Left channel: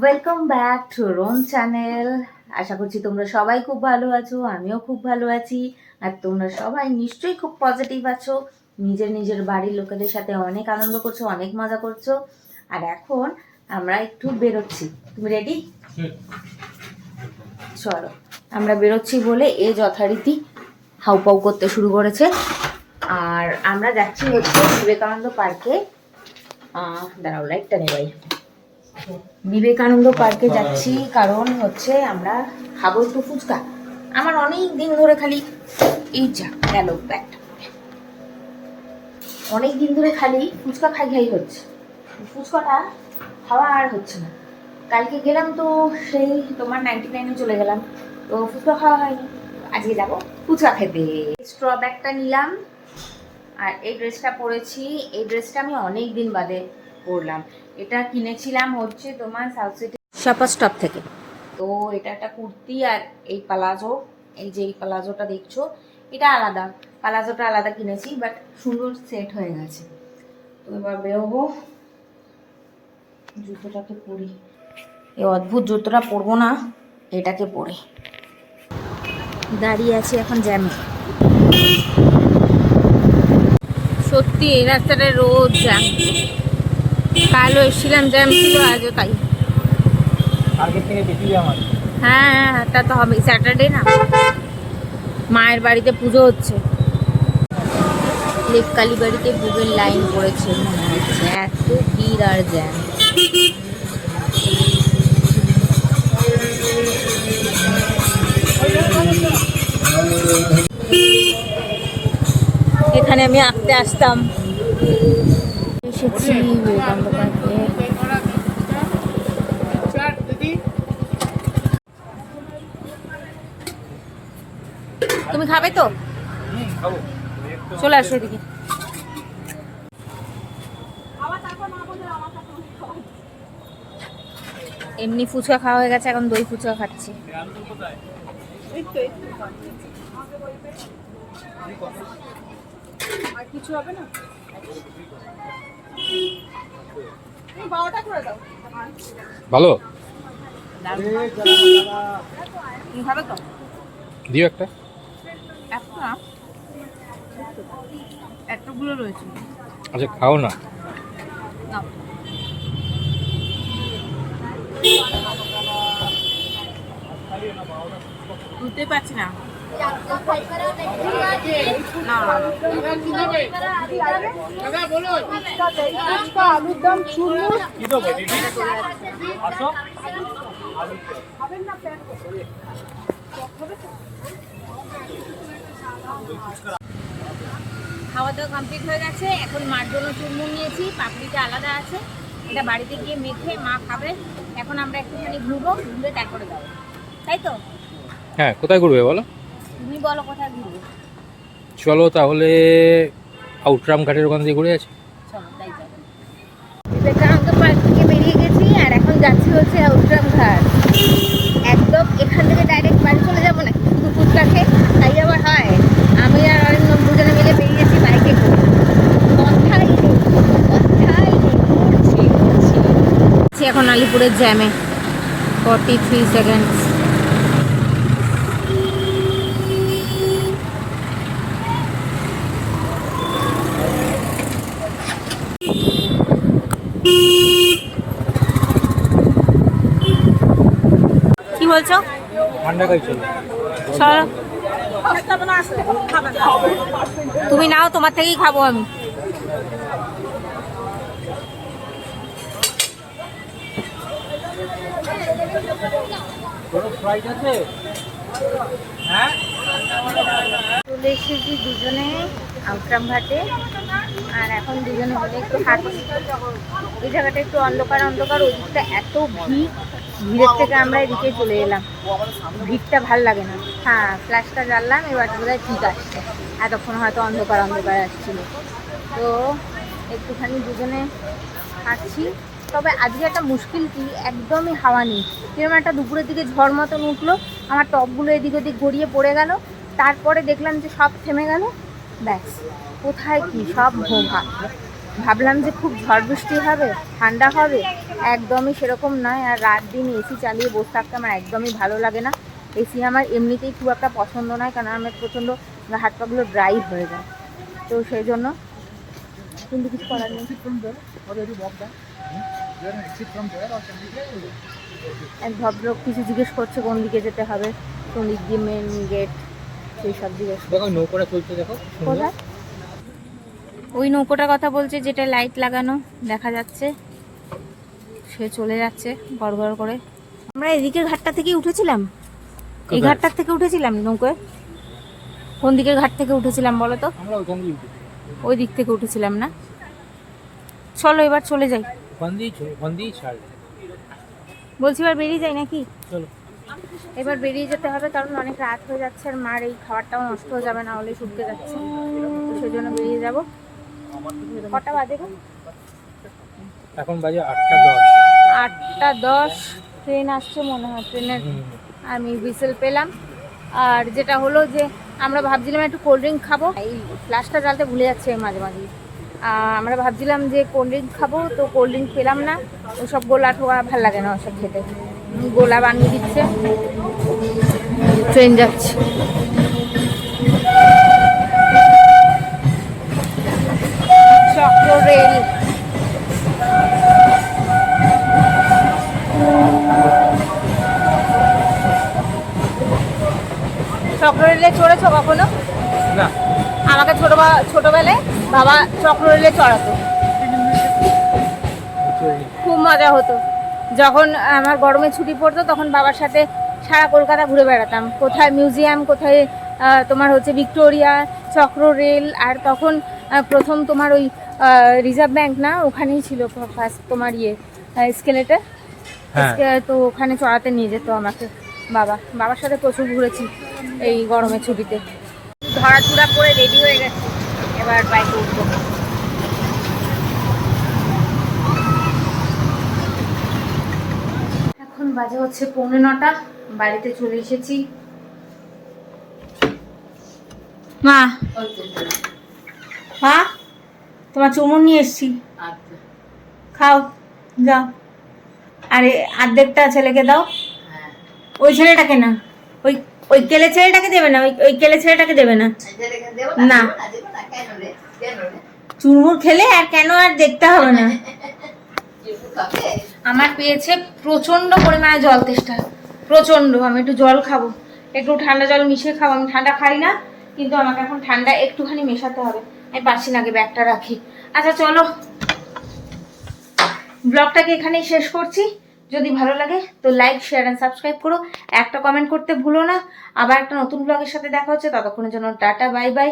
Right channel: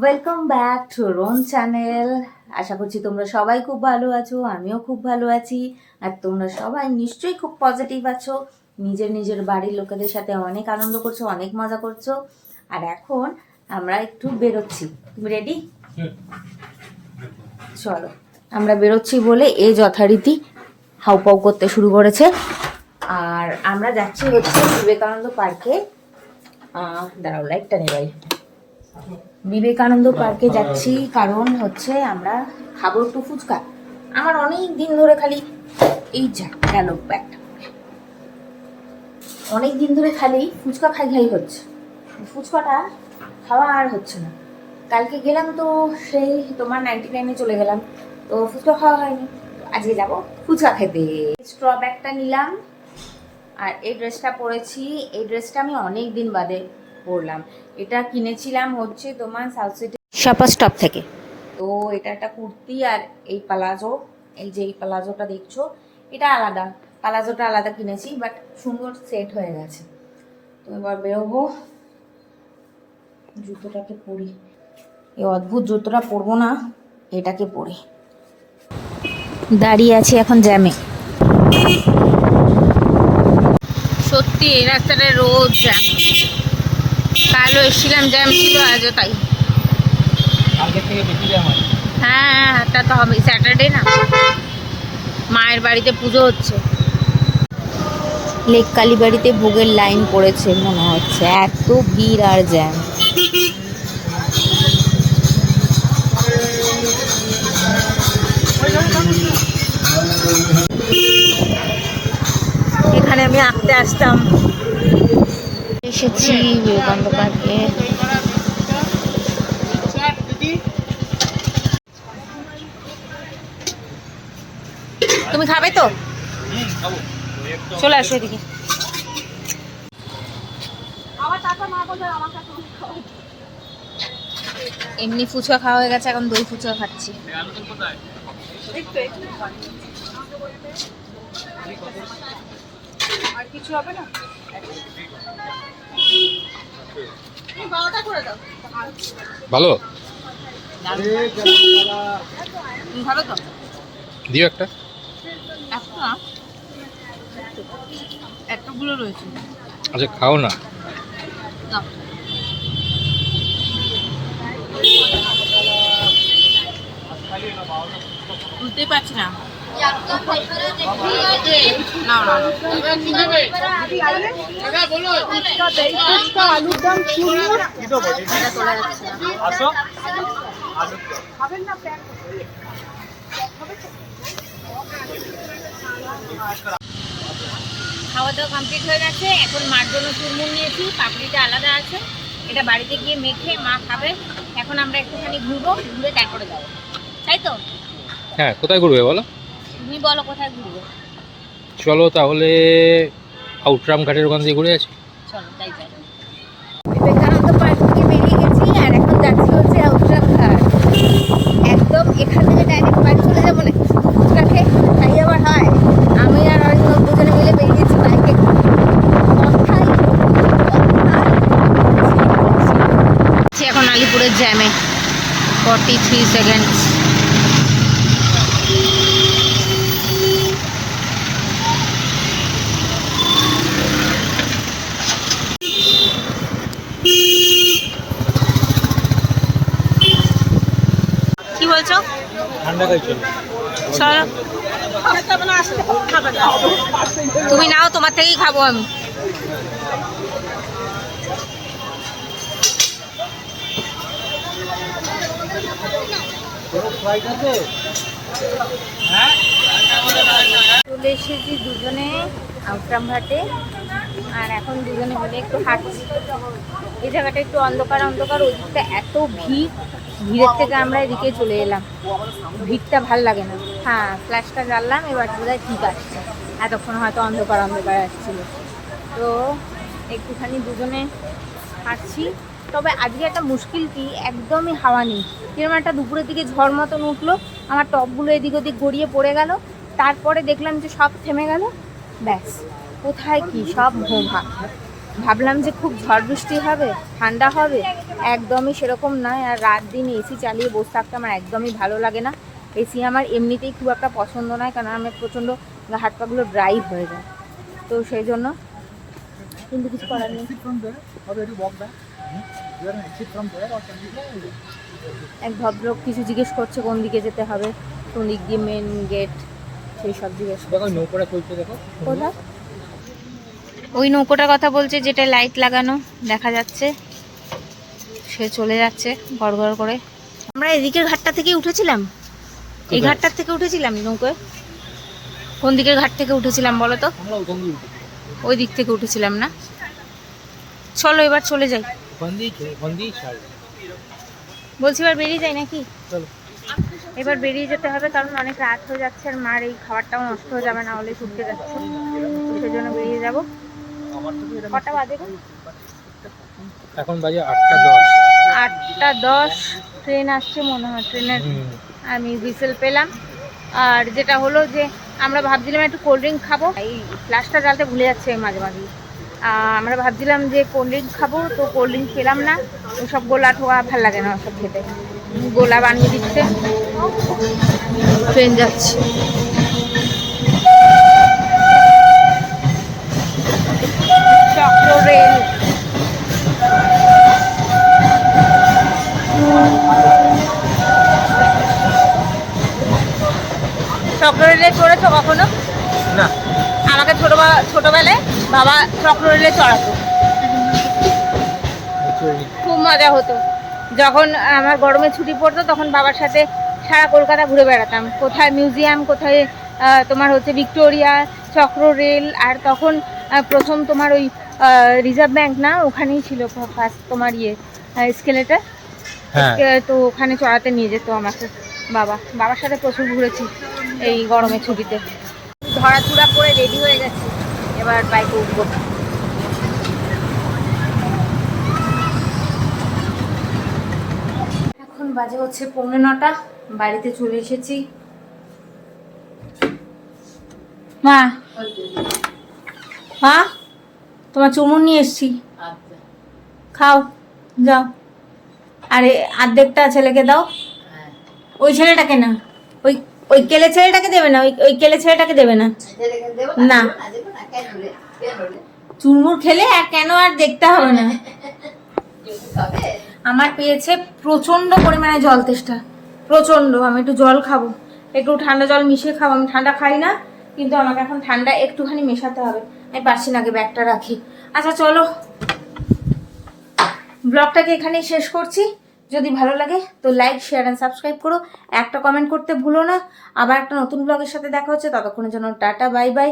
Welcome back to রোন channel. আশা করছি তোমরা সবাই খুব ভালো আছো, আমিও খুব ভালো আছি। আর তোমরা সবাই নিশ্চয়ই খুব পজিটিভ আছো, নিজের নিজের বাড়ির লোকেদের সাথে অনেক আনন্দ করছো, অনেক মজা করছো। আর এখন আমরা একটু বেরোচ্ছি। তুমি রেডি? চলো, আমরা বেরোচ্ছি বলে এ যথারীতি হাউপাউ করতে শুরু করেছে। আর আমরা যাচ্ছি হচ্ছে বিবেকানন্দ পার্কে। দাঁড়াও, লাইটটা নেবাই। বিবেকানন্দ পার্কে যাচ্ছি কারণ হচ্ছে আমরা খাবো একটু ফুচকা। আমার অনেক দিন ধরে খালি এই যা গেল ব্যাগটা, অনেক দিন ধরে খালি ফুচকা খাই খাই হচ্ছে, ফুচকাটা খাওয়া আর হচ্ছে না। কালকে গেলাম তো সেই তোমার 99-এ চলে গেলাম, তো ফুচকা খাওয়া হয়নি। আজকে যাবো ফুচকা খেতে। স্ট্র ব্যাগটা নিলাম আর এই ড্রেসটা পরেছি। এই ড্রেসটা আমি অনেক দিন বাদে পরলাম। এটা কিনেছিলাম হচ্ছে তোমার সাউথ সিটি শাপা স্টপ থেকে। তো এটা একটা কুর্তি আর এই পালাজো, এই যে এই পালাজোটা দেখছো এটা আলাদা, পালাজোটা আলাদা কিনেছি, বাট সুন্দর সেট হয়ে গেছে। তো এবার বেরোবো, জুতোটাকে পরি। এই অদ্ভুত জুতোটা পরবো না, এটাকে পরে দাঁড়িয়ে আছি এখন জ্যামে। সত্যি এই রাস্তাটা রোজ জ্যাম। কালও এসেছিলাম, জ্যাম ছিল, আজও তাই। আগের থেকে বেশি জ্যাম আছে। হ্যাঁ, তা তো হবে, স্যাটারডে না, মায়ের বাড়িতে পুজো হচ্ছে। লেক কালীবাড়িতে ভোগের লাইন পড়েছে মনে হচ্ছে, এত ভিড় আর জ্যাম। এখানে আমি আঁকতে আসতাম। এসেছি বিবেকানন্দ পার্কে। তুমি খাবে তো? খাবো। চলে আসো এদিকে। এমনি ফুচকা খাওয়া হয়ে গেছে, এখন দই ফুচকা খাচ্ছি। আর কিছু হবে না? ভালো তুমি খাবে তো? দিও একটা। একটা এতগুলো রয়েছে। আচ্ছা খাও না। নাও। বুঝতেই পারছি না। না না না, আলুর দম চুরমুর খাওয়া দাওয়া কমপ্লিট হয়ে গেছে। এখন মার জন্য চুরমুর নিয়েছি, পাপড়িটা আলাদা আছে, এটা বাড়িতে গিয়ে মেখে মা খাবে। এখন আমরা একটুখানি ঘুরবো, ঘুরে তারপরে যাবো, তাই তো? হ্যাঁ, কোথায় ঘুরবে বলো? তুমি বলো কোথায় ঘুরবো। চলো তাহলে আউটরাম ঘাটের ওখান দিয়ে ঘুরে আছি। চলো তাই যাই। বিবেকানন্দ পার্ক থেকে বেরিয়ে গেছি আর এখন যাচ্ছি হচ্ছে আউটরাম ঘাট। একদম এখান থেকে ডাইরেক্ট বাড়ি চলে যাবো না, শুধু ফুচকা খেয়ে তাই আবার হয়। আমি আর অরিন্দম দুজনে মিলে বেরিয়েছি বাইকে করে। কোথায় এখন আলিপুরের জ্যামে 43 সেকেন্ড। কি বলছো? ঠান্ডা খাই চলো। চলো, তুমি নাও, তোমার থেকেই খাবো আমি। চলে এসেছি দুজনে আউটরাম ঘাটে, আর এখন দুজনে মিলে একটু হাঁটছি। এই জায়গাটা একটু অন্ধকার অন্ধকার, ওই দিকটা এত ভিড়, ভিড়ের থেকে আমরা এদিকে চলে এলাম। ভিড়টা ভাল লাগে না। হ্যাঁ, ফ্ল্যাশটা জ্বাললাম, এবার বোধহয় ঠিক আছে। এতক্ষণ হয়তো অন্ধকার অন্ধকার আসছিল। তো একটুখানি দুজনে হাঁটছি। তবে আজকে একটা মুশকিল কি, একদমই হাওয়া নেই। কিরকম একটা দুপুরের দিকে ঝড় মতন উঠলো, আমার টপগুলো এদিক ওদিক গড়িয়ে পড়ে গেল। তারপরে দেখলাম যে সব থেমে গেল, ব্যাস কোথায় কি সব ভোভা। ভাবলাম যে খুব ঝড় বৃষ্টি হবে, ঠান্ডা হবে, একদমই সেরকম নয়। আর রাত দিন এসি চালিয়ে বসে থাকতে আমার একদমই ভালো লাগে না। এসি আমার এমনিতেই খুব একটা পছন্দ নয়, কারণ আমার প্রচণ্ড হাত পাগুলো ড্রাই হয়ে যায়, তো সেই জন্য কিন্তু কিছু করার নেই। এক ভদ্রলোক কিছু জিজ্ঞেস করছে কোন দিকে যেতে হবে, কোন দিক দিয়ে মেন গেট, সেই সব জিজ্ঞেস দেখো নৌকোটা চলছে, দেখো কোথায়। ওই নৌকোটার কথা বলছে যেটা লাইট লাগানো দেখা যাচ্ছে, সে চলে যাচ্ছে গড় গড় করে। আমরা এদিকের ঘাটটা থেকে উঠেছিলাম, এই কোথায়? ঘাটটার থেকে উঠেছিলাম নৌকোয়। কোন দিকের ঘাট থেকে উঠেছিলাম বলো তো? আমরা ওখান দিয়ে উঠেছি। ওই দিক থেকে উঠেছিলাম না? চলো এবার চলে যাই। ওখান দিয়েই ছাড়। বলছি এবার বেরিয়ে যাই নাকি? চলো। এবার বেরিয়ে যেতে হবে, কারণ অনেক রাত হয়ে যাচ্ছে আর মার এই খাবারটাও নষ্ট হয়ে যাবে, না হলে ছুটতে যাচ্ছে, তো সেই জন্য বেরিয়ে যাব। কটা বাজে গো? এখন বাজে 8:10। 8:10। ট্রেন আসছে মনে হয়, ট্রেনের আমি হুইসেল পেলাম। আর যেটা হলো যে আমরা ভাবছিলাম একটু কোল্ড ড্রিঙ্ক খাবো, এই ফ্লাশটা জ্বালতে ভুলে যাচ্ছে মাঝে মাঝে। আমরা ভাবছিলাম যে কোল্ড ড্রিঙ্ক খাবো, তো কোল্ড ড্রিঙ্ক পেলাম না। ওসব গোলা ঠোকা ভাল লাগে না ওসব খেতে, গোলা বানিয়ে দিচ্ছে। ট্রেন যাচ্ছে। চক্র রেল, চক্র রেলে চড়েছো কখনো? না। আমাকে ছোটবেলায় বাবা চক্র রেলে চড়াতো, খুব মজা হতো। যখন আমার গরমে ছুটি পড়তো তখন বাবার সাথে সারা কলকাতা ঘুরে বেড়াতাম, কোথায় মিউজিয়াম, কোথায় তোমার হচ্ছে ভিক্টোরিয়া, চক্র রেল। আর তখন প্রথম তোমার ওই রিজার্ভ ব্যাংক না, ওখানেই ছিল ফার্স্ট তোমার স্কেলেটার, তো ওখানে চড়াতে নিয়ে যেত আমাকে বাবার সাথে প্রচুর ঘুরেছি এই গরমের ছুটিতে। ধরাচুরা করে রেডি হয়ে গেছি, এবার বাইকে উঠবো। এখন বাজে হচ্ছে 8:45, বাড়িতে চলে এসেছি। মা মা তোমার চুমুন নিয়ে এসছি, খাও যাও। আরে অর্ধেকটা ছেলেকে দাও। ওই ছেলেটাকে না, ওই ওই কেলে ছেলেটাকে দেবে না, ওই কেলে ছেলেটাকে দেবে না। না চুরমুর খেলে আর কেন আর দেখতে হবে না। আমার পেয়েছে প্রচন্ড পরিমাণে জল তেষ্টা, প্রচন্ড। আমি একটু জল খাবো, একটু ঠান্ডা জল মিশিয়ে খাবো। আমি ঠান্ডা খাই না, কিন্তু আমাকে এখন ঠান্ডা একটুখানি মেশাতে হবে। আমি পারছি না, আগে ব্যাগটা রাখি। আচ্ছা চলো, ব্লগটাকে এখানেই শেষ করছি। যদি ভালো লাগে তো লাইক, শেয়ার অ্যান্ড সাবস্ক্রাইব করো, একটা কমেন্ট করতে ভুলো না। আবার একটা নতুন ব্লগের সাথে দেখা হচ্ছে, ততক্ষণের জন্য টাটা, বাই বাই।